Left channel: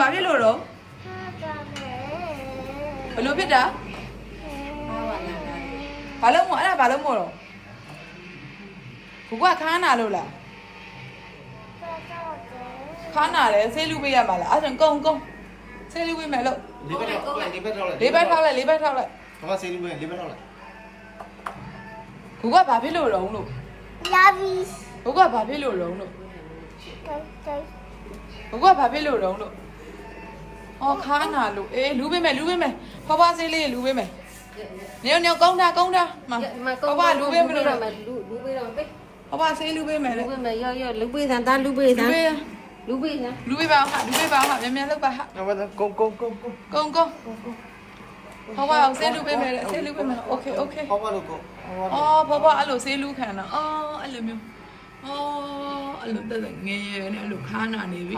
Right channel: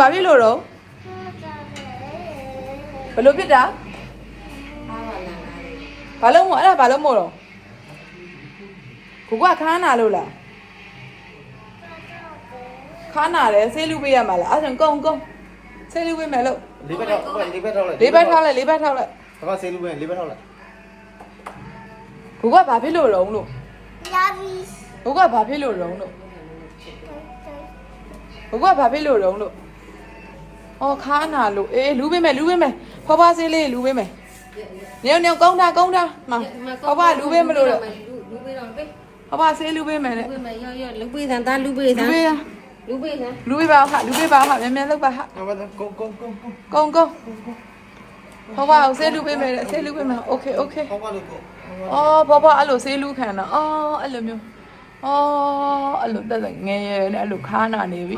ဘာဖြစ်လို့တော့ဘယ်လိုဖြစ်တာဘာလို့မို့အဲ့ဒါဘာလို့မို့တော့ကိုကခါနာလို့လားခါနာလဲဆေးလူပေးရမှာလားအဲ့ဒါကုန်းဆေးလူပေးမယ်လို့လေးဘက်ထောက်လိုက်လေးဘက်ထောက်လိုက်ဘာဆေးလူပဲလေးဘက်ထောက်လိုက်ကိုကဘာဖြစ်လို့လုံးလို့လာပြီကိုကဘာဖြစ်လို့လုံးလို့ကိုကဘာဖြစ်လို့လုံးလို့အော်ခါနာလို့အေးလူပေးမယ်ဖွားဖွားဆေးလေးလူပေးမယ်ညောင်ကောင်းတာမဖွားဖွားလူပေးမလို့တော့လူပေးတော့ပေးဖွားဖွားဆေးလူပေးမယ်လေလူပေးမယ်ရောလူပေးသန်းလူပေးသန်းလူပေးပါဟာမြန်လုပ်ပါဟာကုန်းဖွားဖွားဆေးလူပေးမယ်โอเคဟောပါလို့ကိုအော်ဖွားဖွားအဲ့လိုဆေးလူခံတာအော်အဲ့လိုမျိုးအော်အဲ့လိုတက်ငယ်ရယ်အဲ့လိုခါနာနေပြီ